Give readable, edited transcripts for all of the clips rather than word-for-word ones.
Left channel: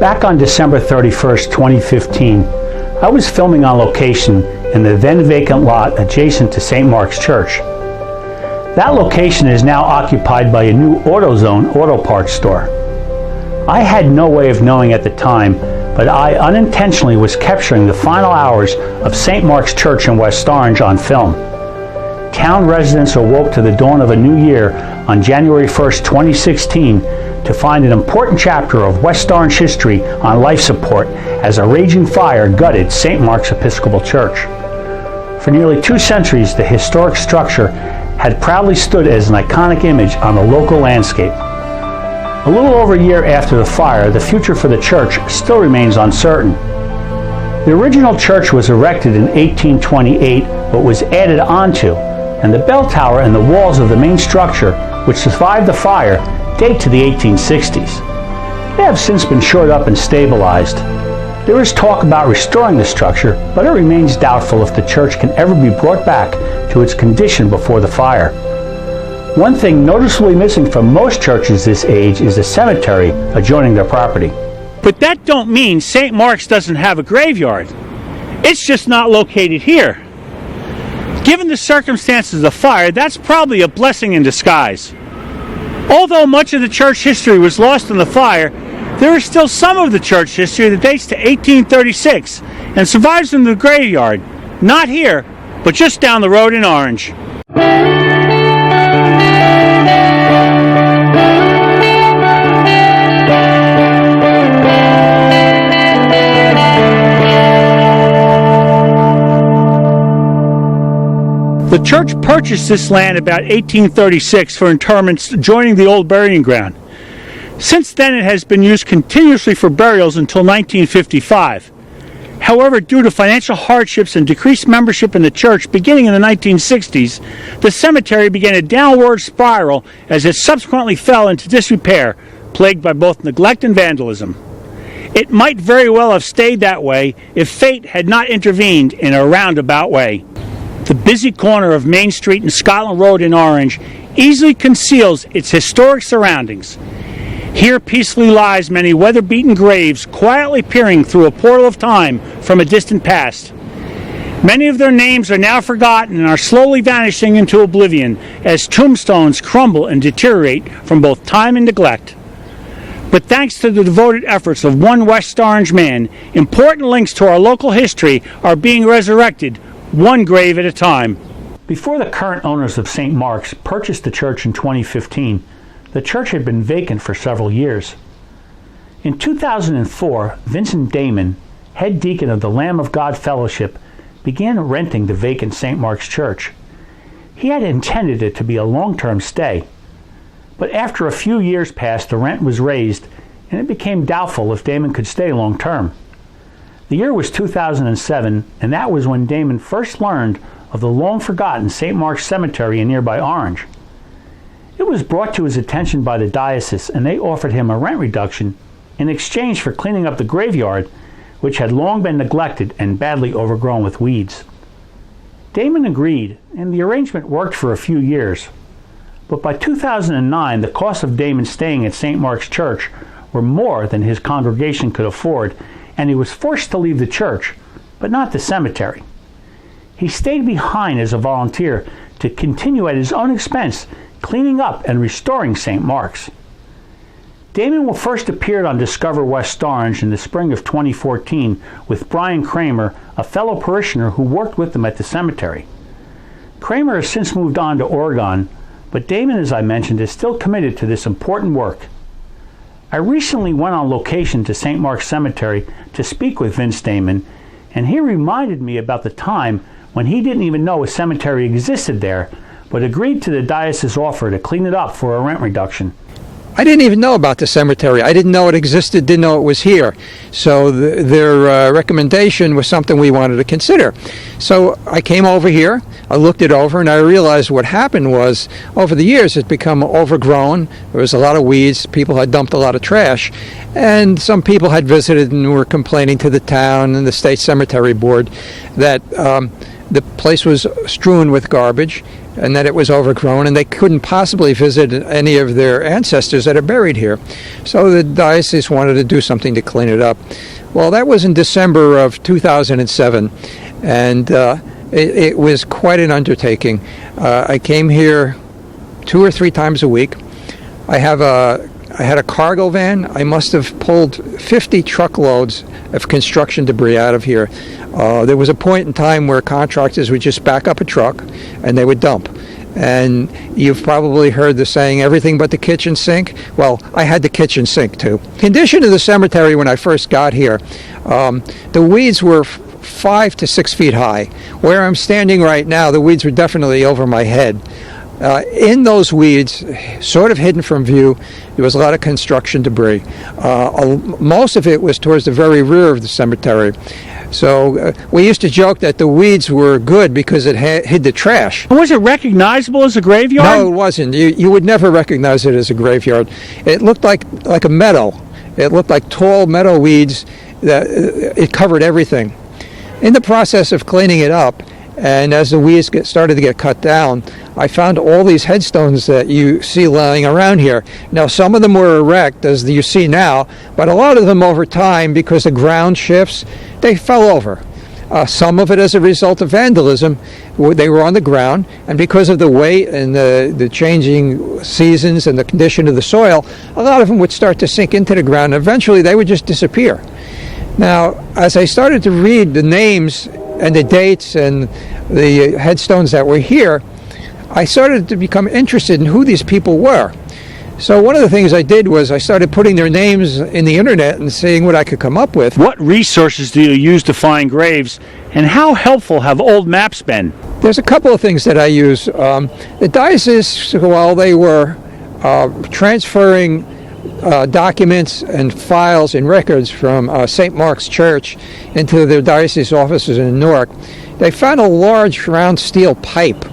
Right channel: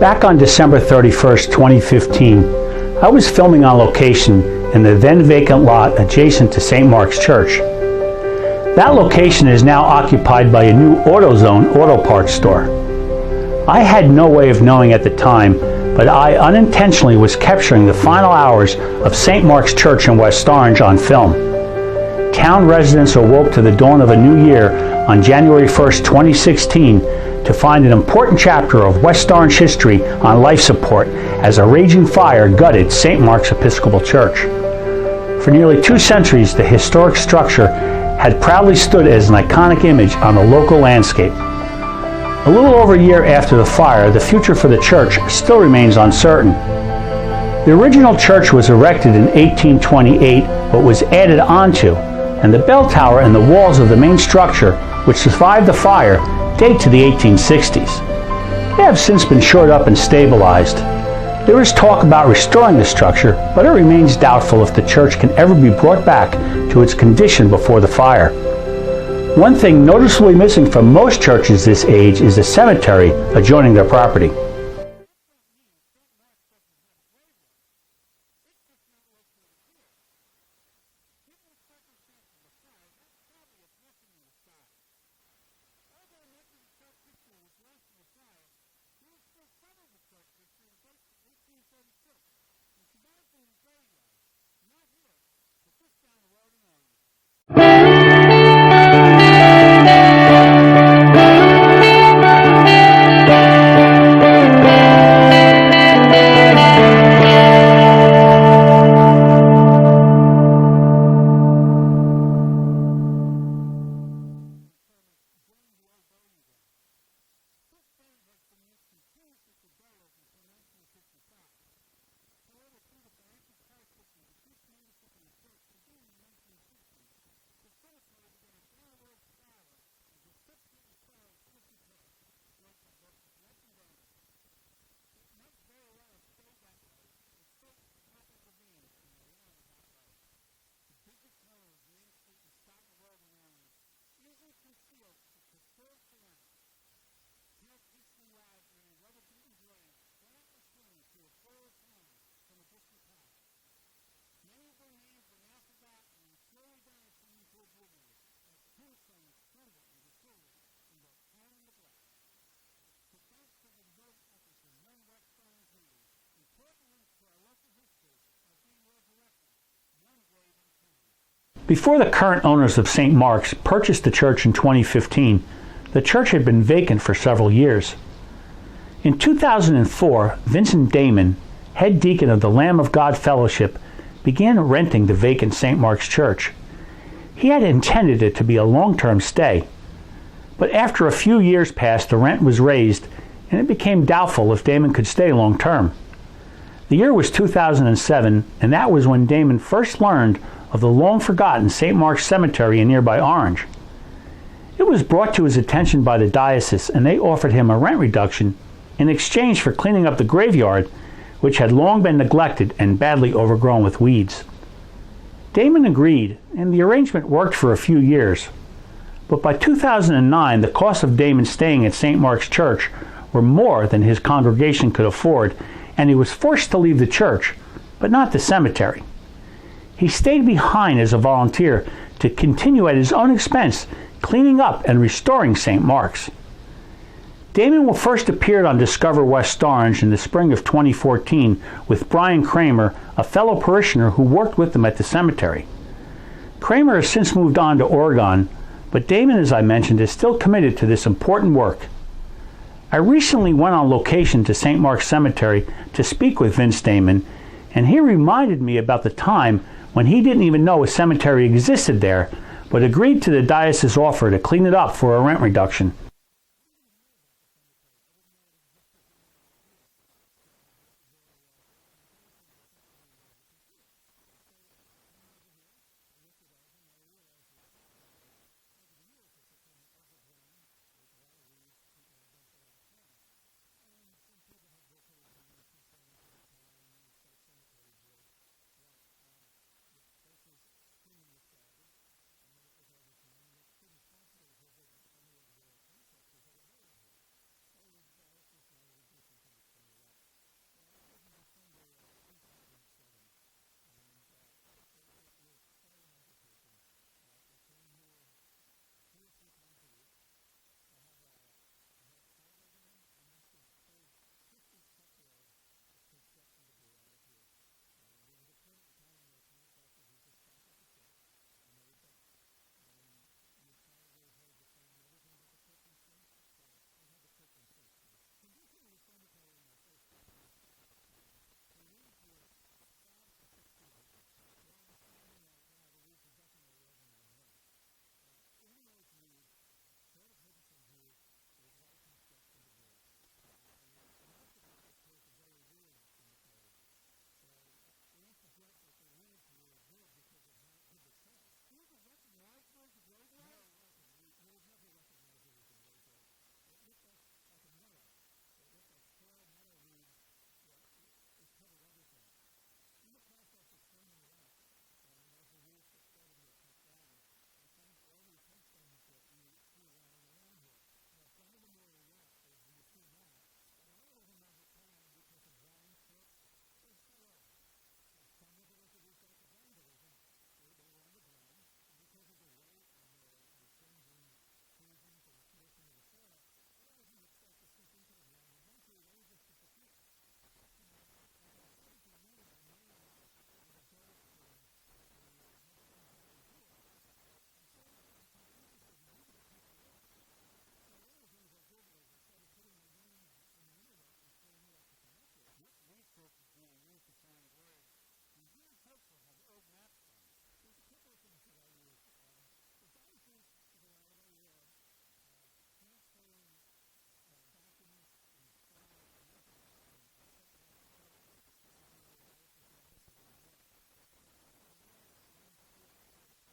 Back on December 31st, 2015, I was filming on location in the then vacant lot adjacent to St. Mark's Church. That location is now occupied by a new AutoZone auto parts store. I had no way of knowing at the time, but I unintentionally was capturing the final hours of St. Mark's Church in West Orange on film. Town residents awoke to the dawn of a new year on January 1st, 2016, to find an important chapter of West Orange history on life support as a raging fire gutted St. Mark's Episcopal Church. For nearly 2 centuries, the historic structure had proudly stood as an iconic image on the local landscape. A little over a year after the fire, the future for the church still remains uncertain. The original church was erected in 1828, but was added onto, and the bell tower and the walls of the main structure, which survived the fire, date to the 1860s. They have since been shored up and stabilized. There is talk about restoring the structure, but it remains doubtful if the church can ever be brought back to its condition before the fire. One thing noticeably missing from most churches this age is a cemetery adjoining their property. But that don't mean St. Mark's doesn't have a graveyard. It's just not located here. Given the circumstances of the fire, that's probably a blessing in disguise. Although much of the church history was lost in the fire, there is still some of the church history that dates to 1836 and survives in the graveyard, not here, but just down the road in Orange. The church purchased this land about 1836 for interments adjoining the old burying ground. Since then, it has been used continuously for burials until 1955. However, due to financial hardships and decreased membership in the church beginning in the 1960s, the cemetery began a downward spiral as it subsequently fell into disrepair, plagued by both neglect and vandalism. It might very well have stayed that way if fate had not intervened in a roundabout way. The busy corner of Main Street and Scotland Road in Orange easily conceals its historic surroundings. Here peacefully lies many weather-beaten graves quietly peering through a portal of time from a distant past. Many of their names are now forgotten and are slowly vanishing into oblivion as tombstones crumble and deteriorate from both time and neglect. But thanks to the devoted efforts of one West Orange man, important links to our local history are being resurrected, one grave at a time. Before the current owners of St. Mark's purchased the church in 2015, the church had been vacant for several years. In 2004, Vincent Dahmen, head deacon of the Lamb of God Fellowship, began renting the vacant St. Mark's Church. He had intended it to be a long-term stay, but after a few years passed, the rent was raised, and it became doubtful if Dahmen could stay long-term. The year was 2007, and that was when Dahmen first learned of the long-forgotten St. Mark's Cemetery in nearby Orange. It was brought to his attention by the diocese, and they offered him a rent reduction in exchange for cleaning up the graveyard, which had long been neglected and badly overgrown with weeds. Dahmen agreed, and the arrangement worked for a few years. But by 2009, the costs of Dahmen staying at St. Mark's Church were more than his congregation could afford, and he was forced to leave the church, but not the cemetery. He stayed behind as a volunteer to continue at his own expense cleaning up and restoring St. Mark's. Dahmen first appeared on Discover West Orange in the spring of 2014 with Brian Kramer, a fellow parishioner who worked with them at the cemetery. Kramer has since moved on to Oregon, but Dahmen, as I mentioned, is still committed to this important work. I recently went on location to St. Mark's Cemetery to speak with Vince Dahmen, and he reminded me about the time when he didn't even know a cemetery existed there, but agreed to the diocese's offer to clean it up for a rent reduction. I didn't even know about the cemetery. I didn't know it existed, didn't know it was here. So their recommendation was something we wanted to consider. So I came over here, I looked it over, and I realized what happened was, over the years, it's become overgrown. There was a lot of weeds. People had dumped a lot of trash. And some people had visited and were complaining to the town and the state cemetery board that the place was strewn with garbage and that it was overgrown, and they couldn't possibly visit any of their ancestors that are buried here. So the diocese wanted to do something to clean it up. Well, that was in December of 2007, and it was quite an undertaking. I came here 2 or 3 times a week. I had a cargo van. I must have pulled 50 truckloads of construction debris out of here. There was a point in time where contractors would just back up a truck and they would dump. And you've probably heard the saying, everything but the kitchen sink. Well, I had the kitchen sink too. Condition of the cemetery when I first got here, the weeds were 5 to 6 feet high. Where I'm standing right now, the weeds were definitely over my head. In those weeds, sort of hidden from view, there was a lot of construction debris. Most of it was towards the very rear of the cemetery. So we used to joke that the weeds were good because it hid the trash. Was it recognizable as a graveyard? No, it wasn't. You would never recognize it as a graveyard. It looked like a meadow. It looked like tall meadow weeds. It covered everything. In the process of cleaning it up, and as the weeds started to get cut down, I found all these headstones that you see lying around here. Now, some of them were erect, as you see now, but a lot of them over time, because the ground shifts, they fell over. Some of it as a result of vandalism. They were on the ground, and because of the weight and the changing seasons and the condition of the soil, a lot of them would start to sink into the ground, and eventually they would just disappear. Now, as I started to read the names and the dates and the headstones that were here, I started to become interested in who these people were. So one of the things I did was I started putting their names in the internet and seeing what I could come up with. What resources do you use to find graves, and how helpful have old maps been? There's a couple of things that I use. The diocese, while they were transferring documents and files and records from St. Mark's Church into their diocese offices in Newark, they found a large round steel pipe.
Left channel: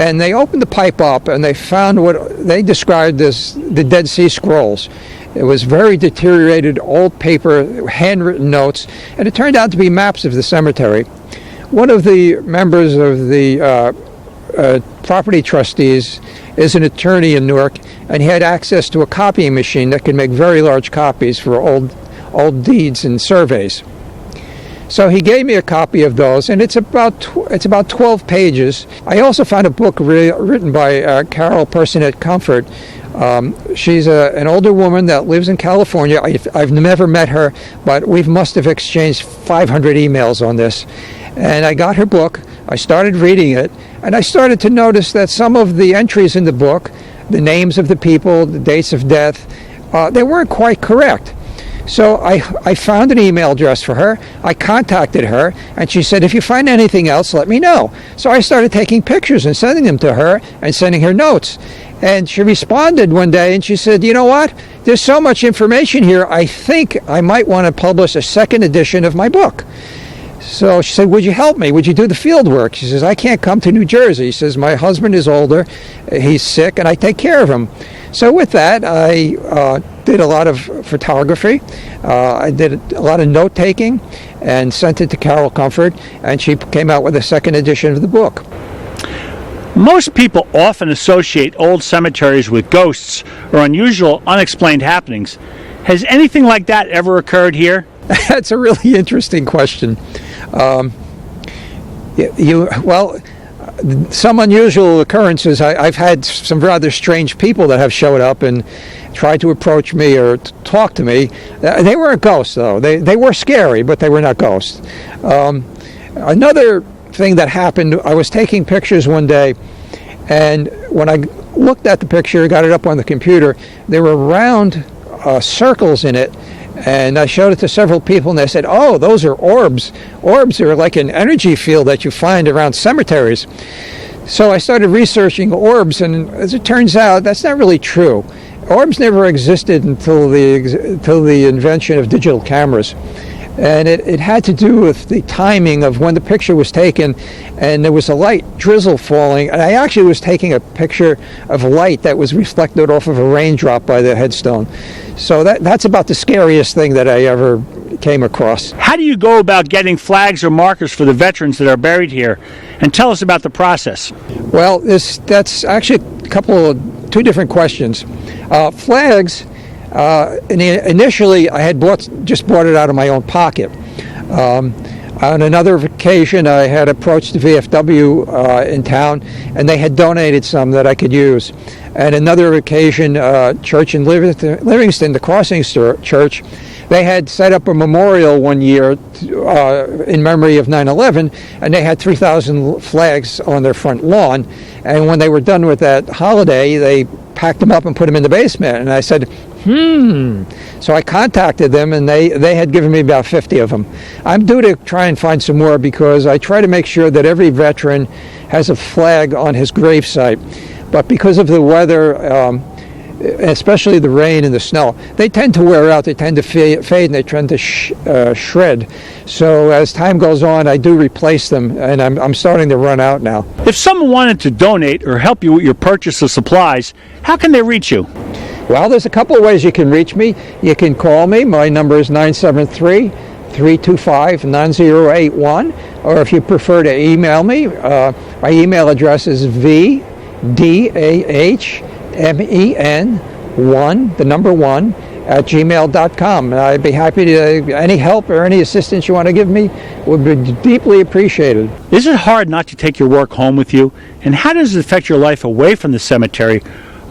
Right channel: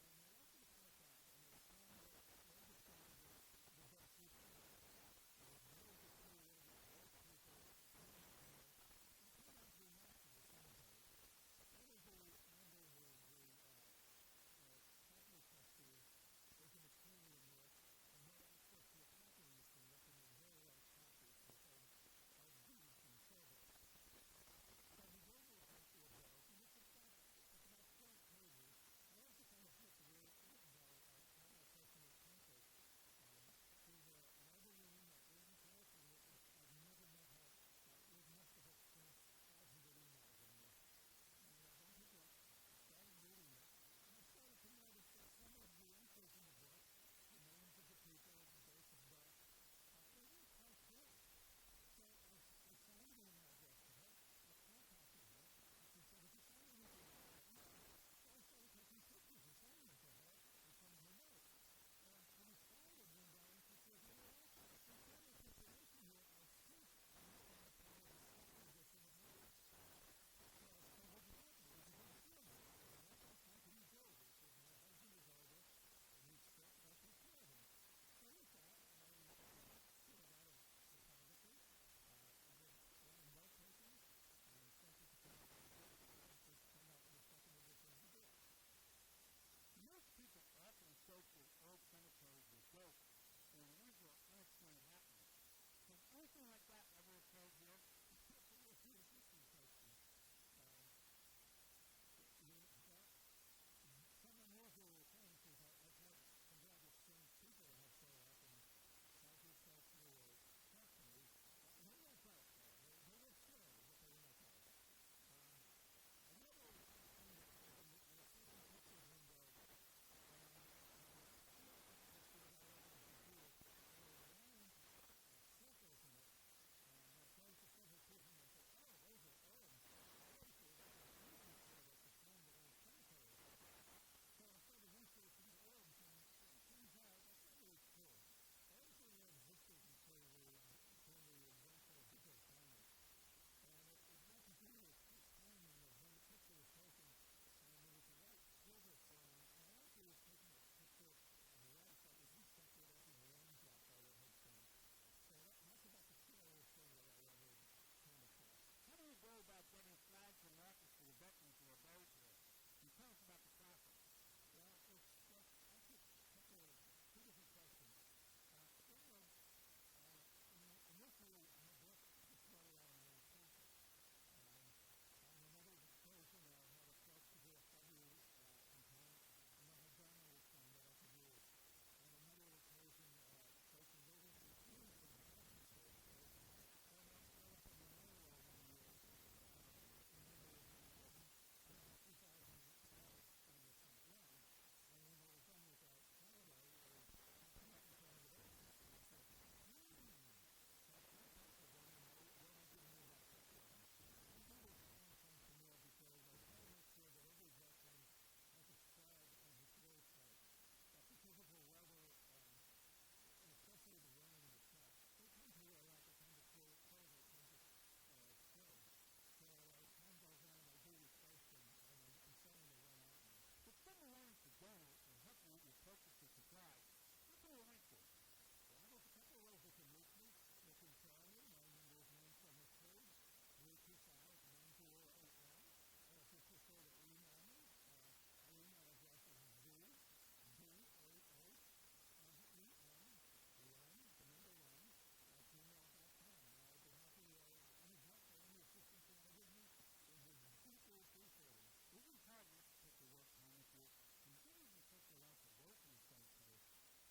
And they opened the pipe up and they found what they described as the Dead Sea Scrolls. It was very deteriorated old paper, handwritten notes, and it turned out to be maps of the cemetery. One of the members of the property trustees is an attorney in Newark, and he had access to a copying machine that could make very large copies for old deeds and surveys. So he gave me a copy of those, and it's about 12 pages. I also found a book written by Carol Personette Comfort. She's an older woman that lives in California. I've never met her, but we must have exchanged 500 emails on this. And I got her book, I started reading it, and I started to notice that some of the entries in the book, the names of the people, the dates of death, they weren't quite correct. So I found an email address for her. I contacted her, and she said, if you find anything else, let me know. So I started taking pictures and sending them to her and sending her notes. And she responded one day, and she said, you know what? There's so much information here, I think I might want to publish a second edition of my book. So she said, would you help me? Would you do the field work? She says, I can't come to New Jersey. She says, my husband is older, he's sick, and I take care of him. So with that, I did a lot of photography. I did a lot of note-taking and sent it to Carol Comfort, and she came out with a second edition of the book. Most people often associate old cemeteries with ghosts or unusual, unexplained happenings. Has anything like that ever occurred here? That's a really interesting question. Some unusual occurrences. I've had some rather strange people that have showed up and tried to approach me or talk to me. They weren't ghosts, though. They were scary, but they were not ghosts. Another thing that happened, I was taking pictures one day, and when I looked at the picture, got it up on the computer, there were round circles in it. And I showed it to several people, and they said, oh, those are orbs. Orbs are like an energy field that you find around cemeteries. So I started researching orbs, and as it turns out, that's not really true. Orbs never existed until the invention of digital cameras. And it had to do with the timing of when the picture was taken, and there was a light drizzle falling, and I actually was taking a picture of light that was reflected off of a raindrop by the headstone. So that's about the scariest thing that I ever came across. How do you go about getting flags or markers for the veterans that are buried here? And tell us about the process. Well, that's actually two different questions. Flags, initially I had just bought it out of my own pocket. On another occasion, I had approached the VFW in town, and they had donated some that I could use. And another occasion, church in Livingston, the Crossing Church, they had set up a memorial one year in memory of 9/11, and they had 3,000 flags on their front lawn. And when they were done with that holiday, they packed them up and put them in the basement. And I said, So I contacted them, and they had given me about 50 of them. I'm due to try and find some more, because I try to make sure that every veteran has a flag on his gravesite. But because of the weather, especially the rain and the snow, they tend to wear out, they tend to fade, and they tend to shred. So as time goes on, I do replace them, and I'm starting to run out now. If someone wanted to donate or help you with your purchase of supplies, how can they reach you? Well, there's a couple of ways you can reach me. You can call me. My number is 973-325-9081. Or if you prefer to email me, my email address is vdahmen1, the number 1, at gmail.com. And I'd be happy to, any help or any assistance you want to give me would be deeply appreciated. Is it hard not to take your work home with you? And how does it affect your life away from the cemetery?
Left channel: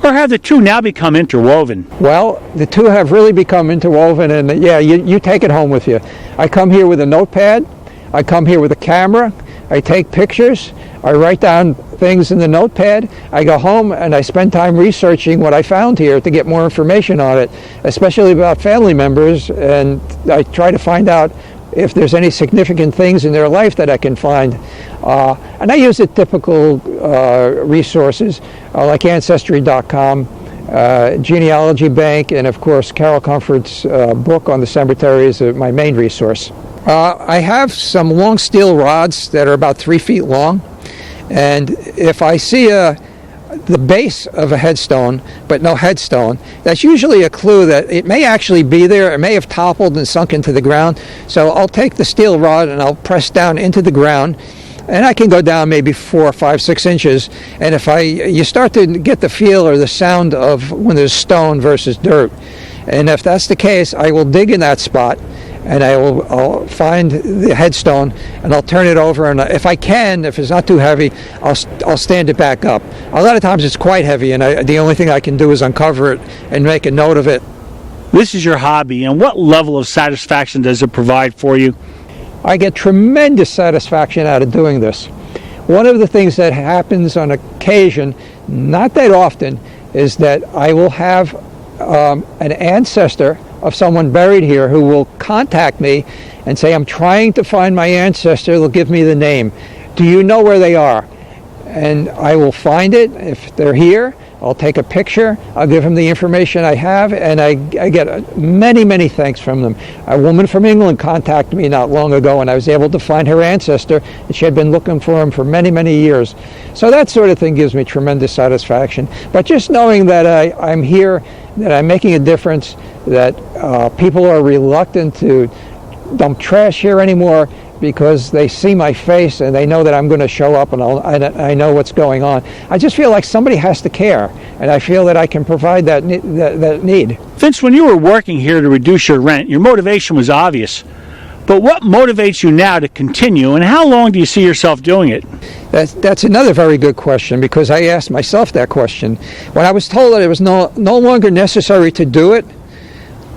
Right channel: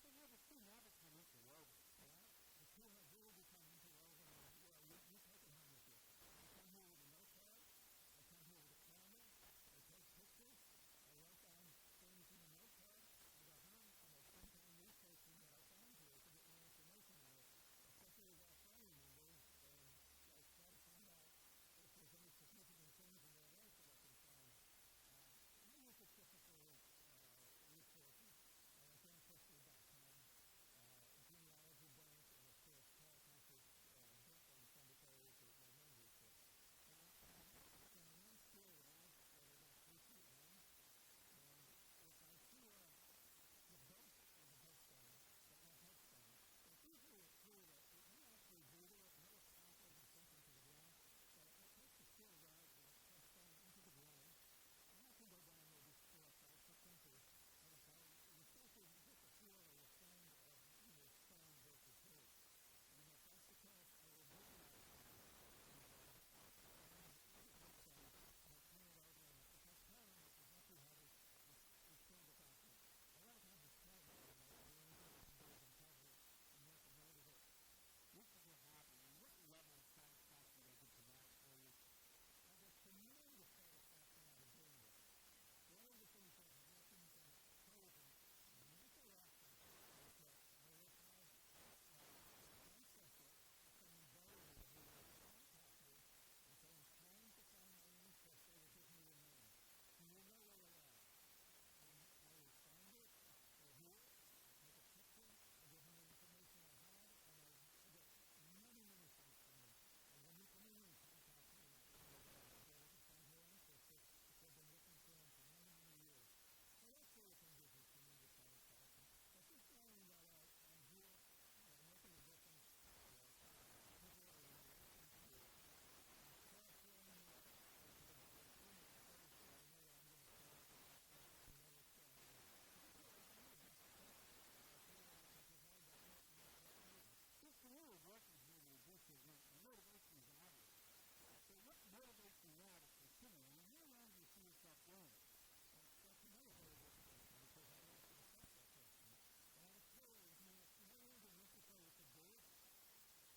Or have the two now become interwoven? Well, the two have really become interwoven, and yeah, you take it home with you. I come here with a notepad, I come here with a camera, I take pictures, I write down things in the notepad, I go home and I spend time researching what I found here to get more information on it, especially about family members, and I try to find out if there's any significant things in their life that I can find. And I use the typical resources like Ancestry.com, Genealogy Bank, and of course Carol Comfort's book on the cemetery is my main resource. I have some long steel rods that are about 3 feet long, and if I see the base of a headstone but no headstone, that's usually a clue that it may actually be there. It may have toppled and sunk into the ground. So I'll take the steel rod and I'll press down into the ground, and I can go down maybe 4, 5, 6 inches. And if you start to get the feel or the sound of when there's stone versus dirt. And if that's the case, I will dig in that spot, and I'll find the headstone, and I'll turn it over, and if I can, if it's not too heavy, I'll stand it back up. A lot of times it's quite heavy, and the only thing I can do is uncover it and make a note of it. This is your hobby, and what level of satisfaction does it provide for you? I get tremendous satisfaction out of doing this. One of the things that happens on occasion, not that often, is that I will have an ancestor of someone buried here who will contact me and say, I'm trying to find my ancestor. They'll give me the name. Do you know where they are? And I will find it. If they're here, I'll take a picture. I'll give them the information I have, and I get many, many thanks from them. A woman from England contacted me not long ago, and I was able to find her ancestor, and she had been looking for him for many, many years. So that sort of thing gives me tremendous satisfaction. But just knowing that I'm here, that I'm making a difference, that people are reluctant to dump trash here anymore because they see my face and they know that I'm going to show up, and I know what's going on. I just feel like somebody has to care, and I feel that I can provide that need. Vince, when you were working here to reduce your rent, your motivation was obvious. But what motivates you now to continue, and how long do you see yourself doing it? That's another very good question, because I asked myself that question. When I was told that it was no longer necessary to do it,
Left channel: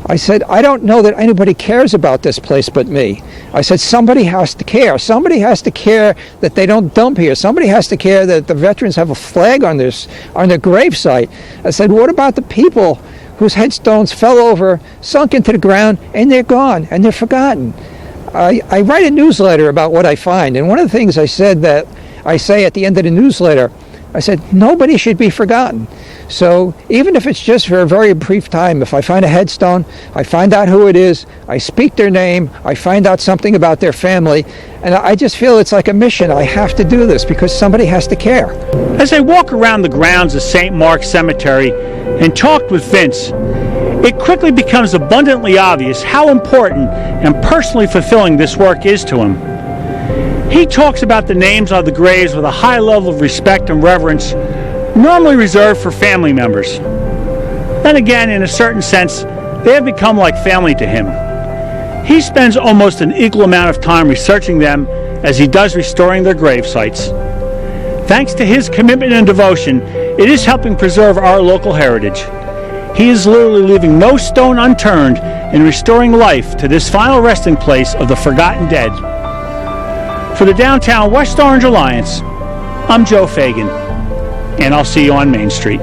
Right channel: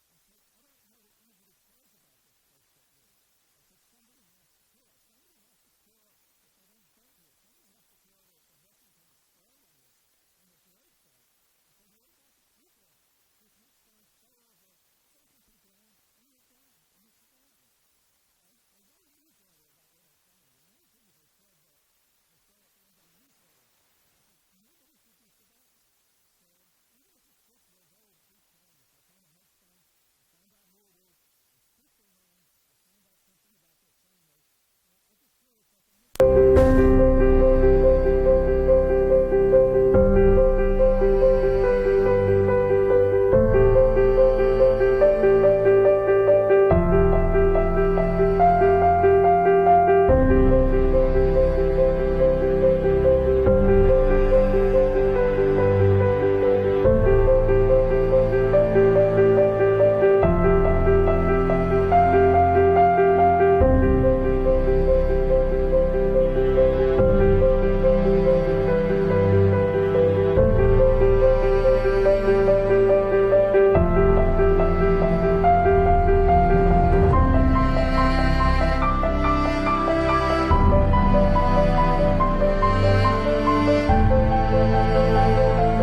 I said, I don't know that anybody cares about this place but me. I said, somebody has to care. Somebody has to care that they don't dump here. Somebody has to care that the veterans have a flag on their gravesite. I said, what about the people whose headstones fell over, sunk into the ground, and they're gone, and they're forgotten? I write a newsletter about what I find, and one of the things I say at the end of the newsletter, I said, nobody should be forgotten. So even if it's just for a very brief time, if I find a headstone, I find out who it is, I speak their name, I find out something about their family, and I just feel it's like a mission. I have to do this because somebody has to care. As I walk around the grounds of St. Mark's Cemetery and talk with Vince, it quickly becomes abundantly obvious how important and personally fulfilling this work is to him. He talks about the names on the graves with a high level of respect and reverence normally reserved for family members. Then again, in a certain sense, they have become like family to him. He spends almost an equal amount of time researching them as he does restoring their grave sites. Thanks to his commitment and devotion, it is helping preserve our local heritage. He is literally leaving no stone unturned in restoring life to this final resting place of the forgotten dead. For the Downtown West Orange Alliance, I'm Joe Fagan, and I'll see you on Main Street.